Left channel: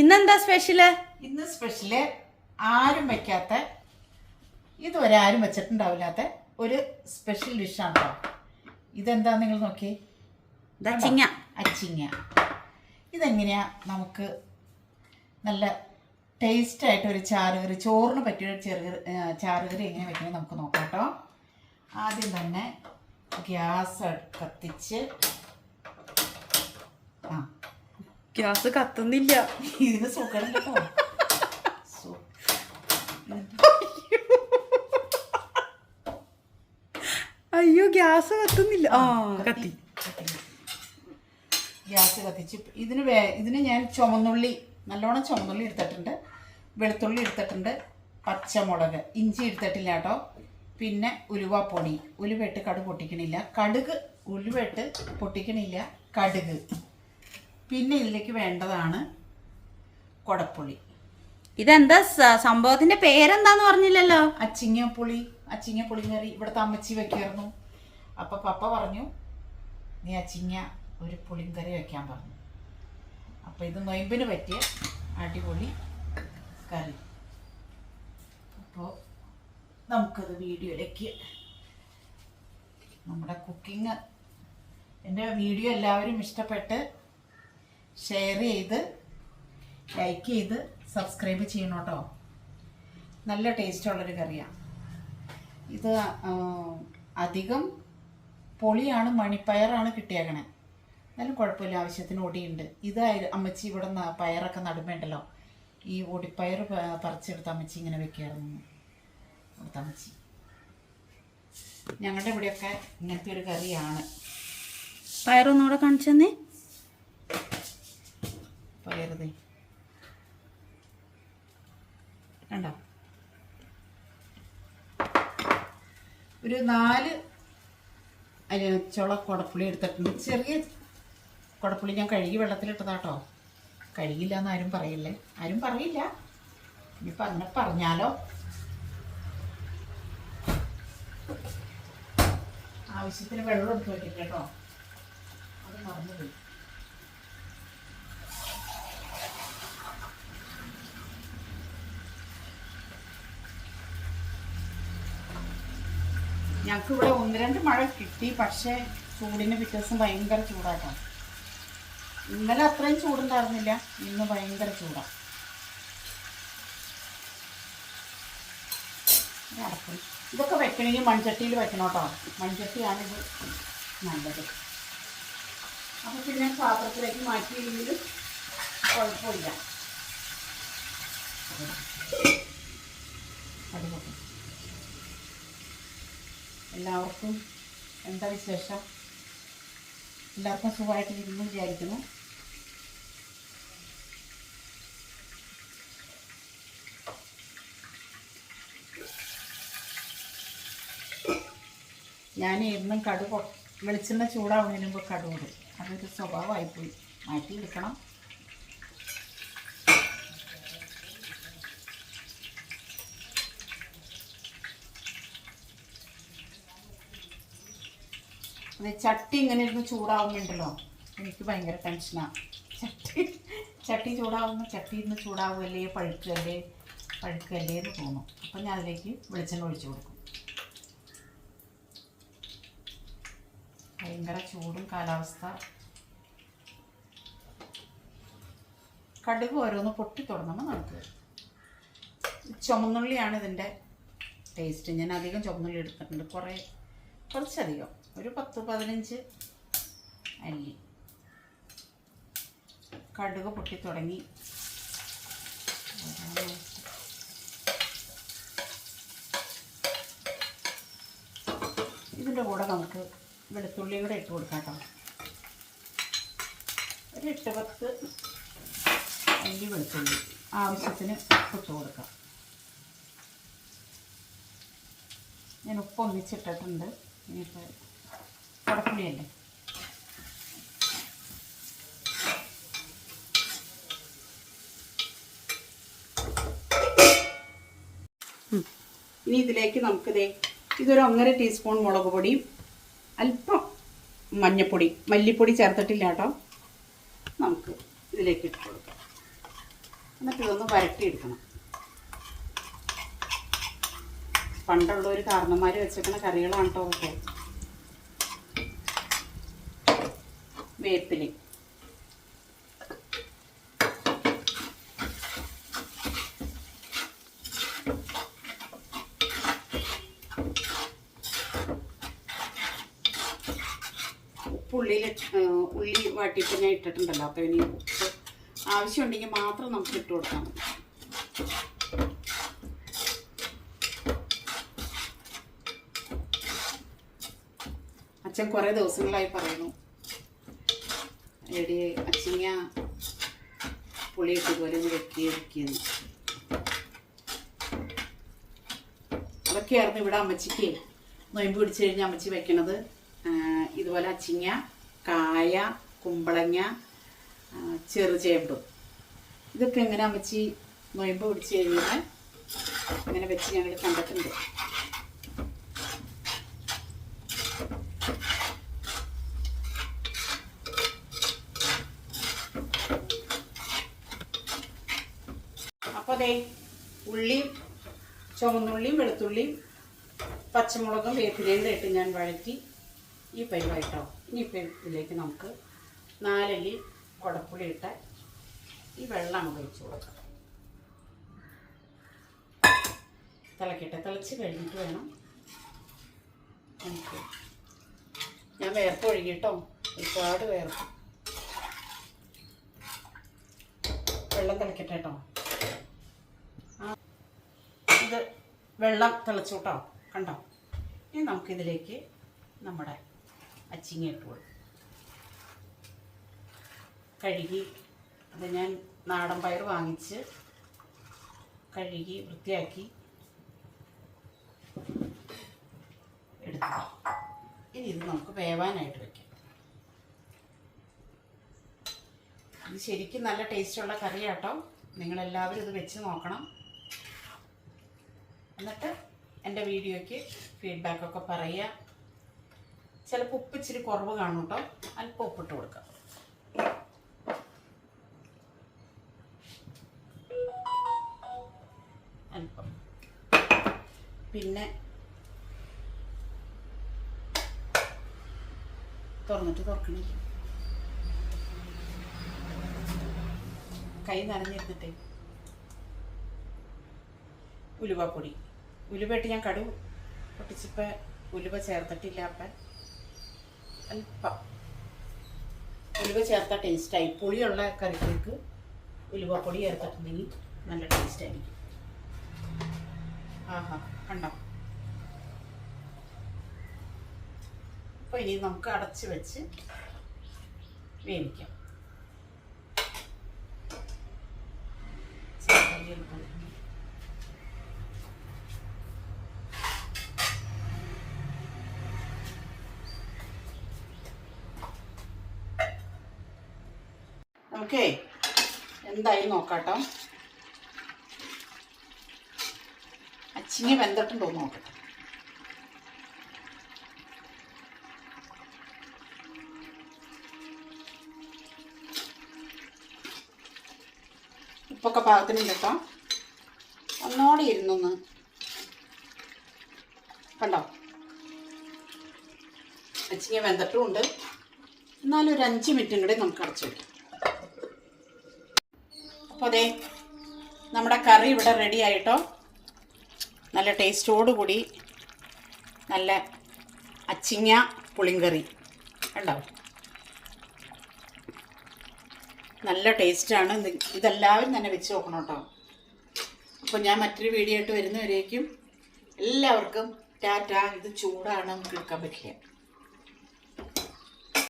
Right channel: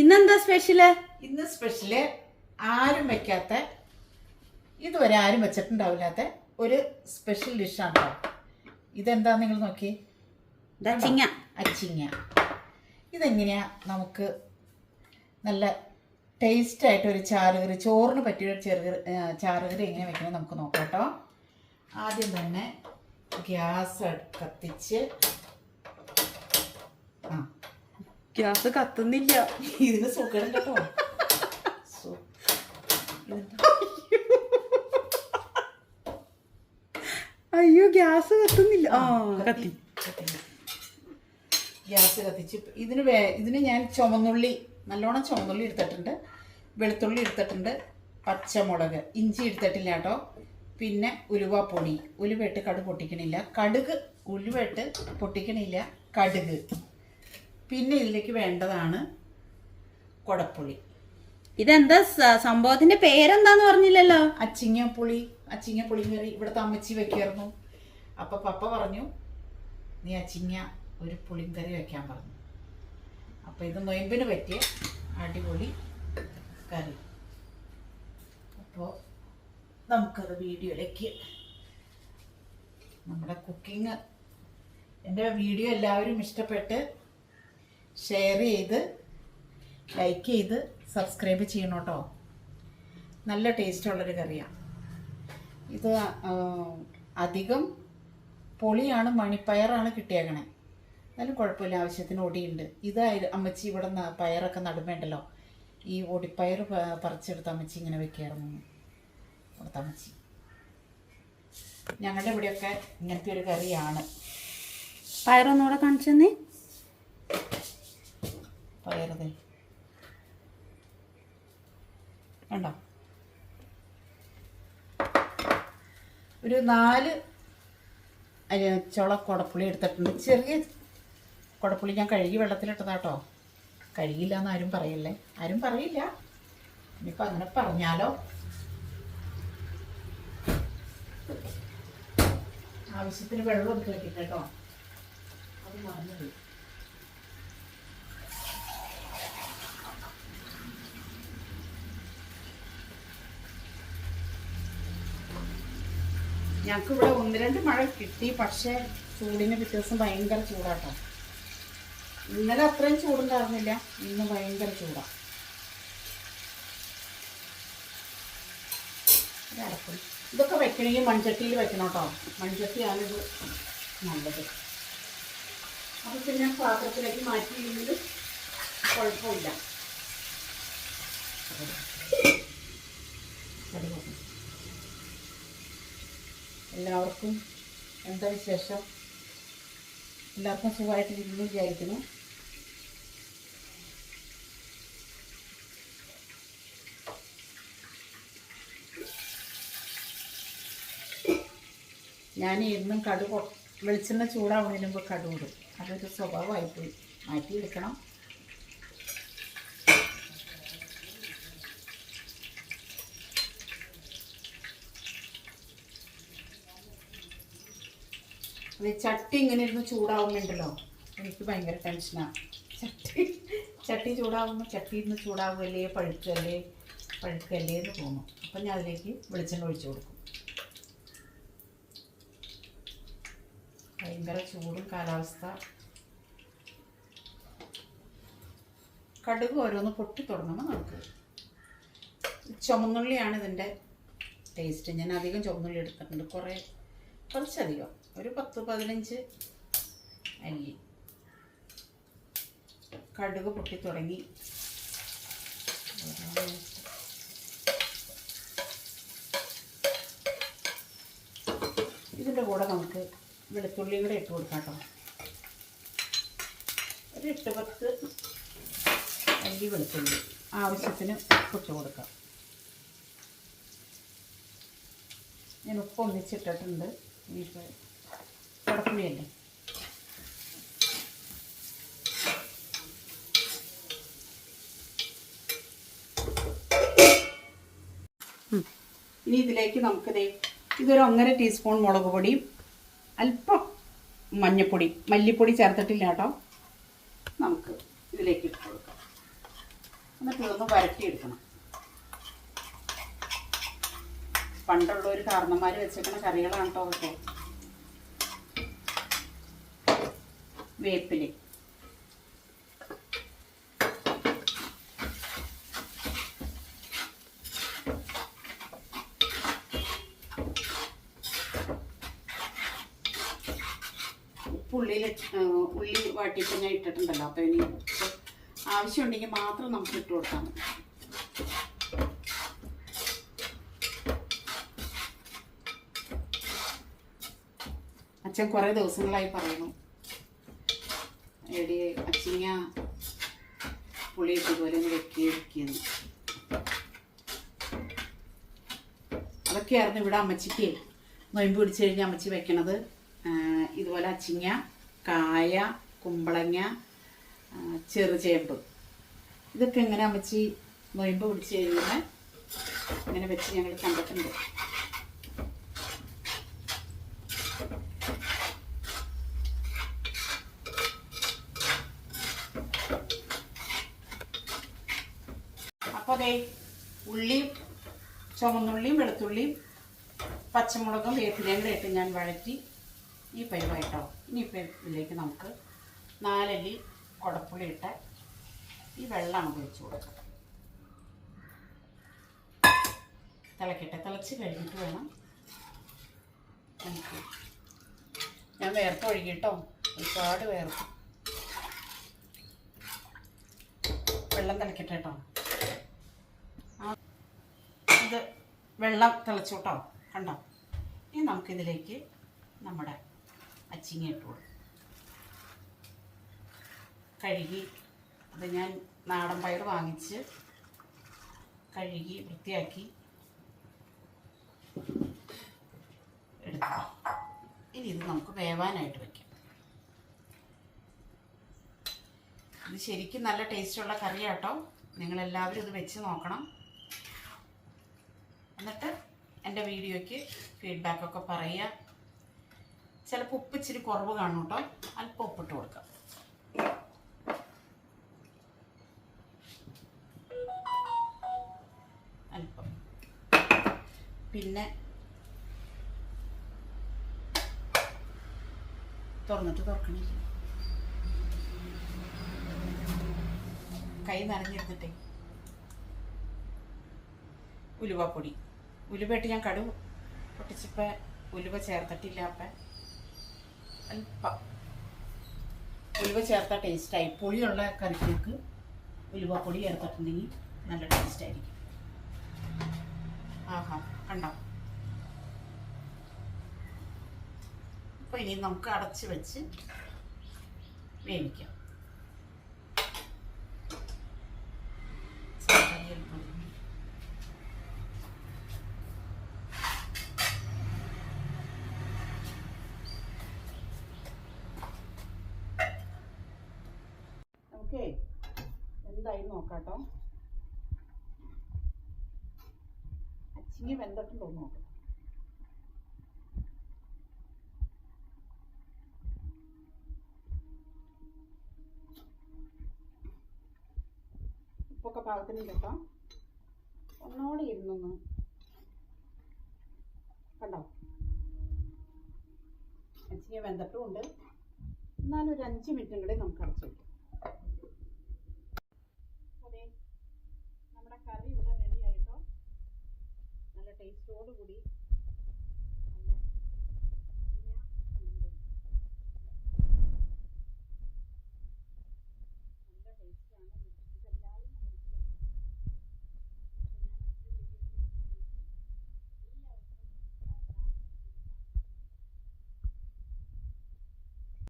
ഇന്നെന്താ സ്പെഷ്യല്? ഇന്ന് സ്പെഷ്യല് ആരും വെക്കാത്ത, ഇതുവരെ ആരും വെച്ചിട്ടുണ്ടാവില്ലാത്ത ഒരു സ്പെഷ്യൽ ഡിഷാണ് കേട്ടോ. ഇതെന്താ നിങ്ങൾ നോക്കി, അച്ചിങ്ങ. അച്ചിങ്ങ. ഇതെങ്ങനെയാ നമുക്ക് നല്ല ടേസ്റ്റ് ആയിട്ട് ഒരു ചാറുകറി, ചോറിന് പറ്റിയ ചാറുകറി എങ്ങനെ വെക്കണേ നമുക്ക് നോക്കാം കേട്ടോ. ആദ്യം തന്നെ ഗ്യാസ് കത്തിച്ച്, ഗ്യാസ് കത്തുന്നില്ല. ഇതിന് സുഖം കേട്ടോ. അയ്യോ, ഗ്യാസ് കത്തുന്നില്ല. കത്തി. ഗ്യാസ് കത്തിച്ച് ഇതിന് ഞാൻ നല്ലോണം ചുമന്നുള്ളി എടുത്തിട്ടുണ്ട്, വെളുത്തുള്ളി എടുത്തിട്ടുണ്ട്, പച്ചമുളക്, ഇഞ്ചി എടുത്തിട്ടില്ല കേട്ടോ. പിന്നെ ഉലുവാപ്പൊടി, ഉലുവയിട്ട് കടുക് പൊട്ടിക്കണില്ല, ഉലുവയിട്ട് പൊട്ടിക്കണില്ല, കടുക്. പിന്നെ ഇതിലേക്ക് വേണ്ടതാണ് കൊടപ്പുളി. ഇതെന്താ സംഭവത്തിന്റെ പേരെന്താന്ന് പറഞ്ഞില്ലല്ലോ? അച്ചിങ്ങ കറി ഇവിടുത്തെ അമ്മച്ചി വെക്കായിരുന്നു. അപ്പൊ പപ്പ പറഞ്ഞു, നീ അച്ചിങ്ങ ഒരു പുളിങ്കറി വെക്കാൻ പറഞ്ഞു. അപ്പൊ ഇത് നൊയമ്പിന് പറ്റിയ അടിപൊളി കറി. അപ്പോൾ നമുക്കത് വീഡിയോയിലേക്ക്, നമ്മുടെ കുക്കിംഗ്, എൻ്റെ വീഡിയോ എല്ലാവരും ഇഷ്ടപ്പെട്ട് ഷെയർ ചെയ്ത് ലൈക്ക് ചെയ്ത് സബ്സ്ക്രൈബ് ചെയ്യണം കേട്ടോ. നല്ല ടേസ്റ്റുള്ളൊരു കറിയാണ് ഇത്. അധികം പൊളിയാണ്, മണിപ്പയറാണ് കിട്ടിയേക്കണേ. എന്നാലും കുഴപ്പമില്ല, ആവശ്യത്തിന് ഒടിയുണ്ട്. ഇത് അമ്മച്ചി ഇവിടെ പയറൊക്കെ നടുമ്പുണ്ടല്ലോ, ഈ ഒടിപ്പയർ പറിച്ചെടുത്ത് അമ്മച്ചി ഇങ്ങനെ വെക്കായിരുന്നു. ഇവിടുത്തെ അമ്മച്ചി ഞങ്ങളുടെ ഇവിടെയൊക്കെ ഇങ്ങനത്തെ ഒരു കറിയാണ്. പയറൊന്നുകൂടെ കാണിച്ചെന്നേ. പയറുതേ കണ്ടോ, ഒരു 4 ചുള കുടപ്പുളി എടുത്തിട്ടുണ്ട്. ചെറിയ കുടപ്പുളി ഞാൻ കഴുകി വെള്ളത്തിലിട്ടതാട്ടോ. കഴുകില്ല എന്ന് ആരും പറയില്ലേ, ആരും പറയില്ല. ഇനിയിപ്പോൾ അങ്ങനെ പറഞ്ഞാലോ. ആവശ്യത്തിന് വെള്ളം എടുത്ത് വെക്കില്ല കേട്ടോ, അത് മറന്നുപോയി. ഞങ്ങൾക്ക് ഇവിടെ 1-2 മഴ കിട്ടി, പക്ഷേ ചൂടിന് പിറ്റേ ദിവസം ഭയങ്കര ചൂടാട്ടോ. ഇന്നലെ അത്രയും ചൂടുണ്ടായിരുന്നില്ല, ഇന്ന് ഭയങ്കര ചൂടാണ്. അടക്കും. ഇതൊക്കെ വെക്കണമെങ്കിൽ മൺചട്ടിയിൽ വെക്കണം കേട്ടോ. മൺചട്ടിയാണിത് നല്ലത്. അപ്പോൾ പിന്നെ പാത്രത്തിലേക്ക് മാറ്റിയില്ലെങ്കിലും കുഴപ്പമില്ല. എല്ലാവർക്കും എന്താ വിശേഷം? എല്ലാവർക്കും സുഖമായിട്ടിരിക്കുന്നു വിചാരിക്കുന്നു. ഞാൻ എന്നും വെളിച്ചെണ്ണ ചൂടാവുന്നതിന് മുമ്പ് കടുകിടും. അതൊരു സ്വഭാവമായിപ്പോയി, മാറ്റിയെടുക്കണം. അത് ചട്ടി ഇങ്ങനെ ഇരുന്ന് ചൂടാവുന്നുണ്ടല്ലോ, എനിക്ക് ഭയങ്കര ടെൻഷനാണ്. ചട്ടി ചൂടാവുമ്പോൾ ചട്ടി ഇരുന്ന് ചൂടാവുകയല്ലേ, പഴുക്കല്ലേ എന്ന് തോന്നും. അപ്പം ഞാൻ അതിലേക്ക് വെളിച്ചെണ്ണ ഒഴിച്ചു കൊടുക്കും. ഭയങ്കര ചൂടും കാലാവസ്ഥ. കടുക് ഓരോന്ന് പൊട്ടി തുടങ്ങുമ്പോൾ നമുക്ക് ചുമന്നുള്ളിയാണ് ഇതിൻ്റെ ടേസ്റ്റ്. ഞാൻ അധികം ചുമന്നുള്ളി എടുത്തിട്ടുണ്ട്, കുറച്ചധികം, ഒരു 10-15 അല്ലി. കടുക് പൊട്ടി തുടങ്ങി. ഇതിൻ്റെ കൂടെ നമുക്ക് വെളുത്തുള്ളിയും കൂടെ ഇട്ട് കൊടുക്കാം കേട്ടോ. ഒരു 8-10 അല്ലി വെളുത്തുള്ളി, ആവശ്യത്തിന് ഉപ്പിട്ട് കൊടുക്കാം. ഞാൻ ഉപ്പ് ഒന്നിച്ചിട്ടിട്ടുണ്ട്. ഇനിയിപ്പോൾ കുടപ്പുളിയല്ലേ, ഇനി ഇതിലേക്ക് നമുക്കിതേ ഇതൊരു 1.5 ടീസ്പൂൺ മുളക് പൊടിയും അല്പം മല്ലിപ്പൊടി ചേർത്തിട്ടില്ല കേട്ടോ. നമുക്ക് ഇതിലേക്ക് ഇട്ട് കൊടുക്കാം. എന്നിട്ട് ഇതൊന്ന് വരട്ടിയെടുക്കണം. പണ്ടുള്ളവർ കാരണന്മാർ വെച്ചേക്കുന്ന കറികളാണ് കേട്ടോ ഒക്കെ. വേപ്പില, ഉള്ളി വാട്ടിയിട്ട് ഞാൻ ഇട്ടിട്ടുണ്ടല്ലോ. അപ്പോൾ ഇനി ഉപ്പ് ആവശ്യമുണ്ടെങ്കിൽ മാത്രം നമുക്ക് ഇട്ട് കൊടുത്താൽ മതി. അച്ഛൻ കുറേ ദിവസങ്ങളായി പറയുന്നു, എടി അച്ചിങ്ങ പുളിയിട്ട് ഇതുപോലെ ഒന്ന് വെക്കുകയെന്ന്. അതൊക്കെയായിരുന്നു ഇവിടെ അമ്മച്ചിക്ക് നൊയമ്പ് പിടിച്ച് കഴിഞ്ഞ് അമ്മച്ചി വെക്കണത്. ഇതുപോലെ അച്ചിങ്ങ, കായ, കുമ്പളങ്ങ, ചെറുചേമ്പ്, ഇതൊക്കെ എങ്ങനെ അമ്മച്ചി നൊയമ്പ് പിടിച്ച് കഴിയുമ്പോൾ ഇങ്ങനെ വെച്ച് ഞങ്ങൾ കണ്ടിട്ടുണ്ട്. അപ്പോൾ അതേ ഉള്ളിയും ചുവന്നുള്ളിയും വെളുത്തുള്ളിയും പച്ചമുളകും വേപ്പിലയും കൂടെ ഇട്ട് ഞാൻ വഴറ്റി ഈ പരിവായിട്ടോ. ഇനിയിപ്പോൾ ഇതിലേക്ക് നമുക്ക് 4 അല്ലി കുടപ്പുളി ഇട്ട ഈ വെള്ളം ഒഴിച്ച് കൊടുക്കാം. തിളക്കട്ടെ. തിളച്ച് കഴിഞ്ഞിട്ട് വേണം നമുക്ക്. ഞാൻ വേർപ്പ് ഒഴുകിട്ടോ, ഒരുപാട് വേർപ്പ്. വെള്ളം തിളക്കട്ടെ കേട്ടോ. ഇത് വെള്ളം തിളച്ചു കേട്ടോ, കണ്ടോ. ഇനി നമുക്കിതിലേക്ക് നമ്മുടെ അച്ചിങ്ങ ഇട്ട് കൊടുക്കും. കഴുകി, അത് ഞാൻ നാടൻ പയർ വാങ്ങിച്ച് കഴുകി വൃത്തിയാക്കി എടുത്തു. ഇനി ഇത് നമുക്ക് വേവാനായിട്ട് വയ്ക്കാം. ഇത് ശരിക്കും നല്ല ടേസ്റ്റുള്ള കറിയാട്ടോ. നിങ്ങളെല്ലാവരും ഇത് വെച്ച് നോക്കണം. എന്നിട്ട് എൻ്റെ വീഡിയോയ്ക്ക് ഫീഡ്ബാക്കൊക്കെ പറയുക. ചിലപ്പോൾ ഉപ്പ് ഇച്ചിരി കുറവ് കാണും കേട്ടോ, അല്പം ഉപ്പിട്ട് കൊടുക്കാം. അല്പം. പിന്നെ തുറക്കണേ, കൈ നനഞ്ഞിരുന്നിട്ടേ. ഉലുവപ്പൊടി, ഉലുവയിട്ട് ഞാൻ കടുക് പൊട്ടിച്ചപ്പോൾ ഉലുവ ചേർത്തിട്ടില്ല. അപ്പം അല്പം ഉലുവ ചേർത്ത ടേസ്റ്റായി. പുളിയുള്ള കറിക്ക് ഉലുവപ്പൊടി ചേർത്തിട്ടുണ്ടെങ്കിൽ നല്ല ടേസ്റ്റായിരിക്കും. ആഹാ, കണ്ടോ. അപ്പോൾ ഇനി നമുക്ക് അടച്ച് വെച്ച് വേവിക്കാം. ഓക്കെ, എന്തായി നോക്കാട്ടോ. അച്ചിങ്ങ വെന്തിട്ടുണ്ടോ നോക്കട്ടെ. ഉപ്പൊക്കെ പാകത്തിനുണ്ട് കേട്ടോ. ഒന്നോടെ ഇരുന്നൊന്ന് കണ്ടോ. അച്ചിങ്ങ വെന്തിട്ടുമുണ്ട്. എന്നാലും ഒരു 5 മിനിറ്റും കൂടെ നമുക്ക് അടച്ചു വയ്ക്കാം. അപ്പോൾ അതെ, നമ്മുടെ കറി ഇവിടെ റെഡി ആയിട്ടോ. നല്ല ടേസ്റ്റോടുകൂടി നല്ല അച്ചിങ്ങ പുളിങ്കറി കണ്ടോ. നല്ല ടേസ്റ്റാണ്. ഇതെല്ലാവരും തന്നെ വെച്ച് നോക്കണം കേട്ടോ. അപ്പോൾ ഞാൻ മറ്റൊരു വീഡിയോ ആയിട്ട് വരുന്നവരേക്കും എല്ലാവർക്കും ടാറ്റ. ഇത് ചൂടാണ്, നമുക്ക് എടുക്കാൻ പറ്റില്ല.